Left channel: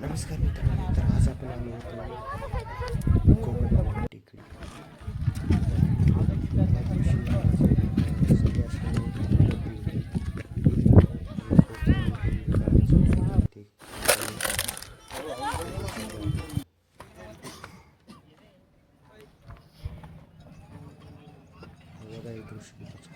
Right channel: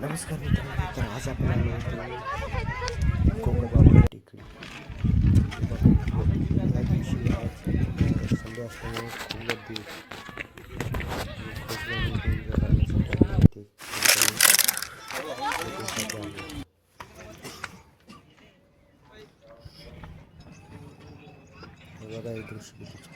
नमस्कार मित्रांनो आज आपण गोगोबाबा टेकडी या दिवशी बघा एक दृश्य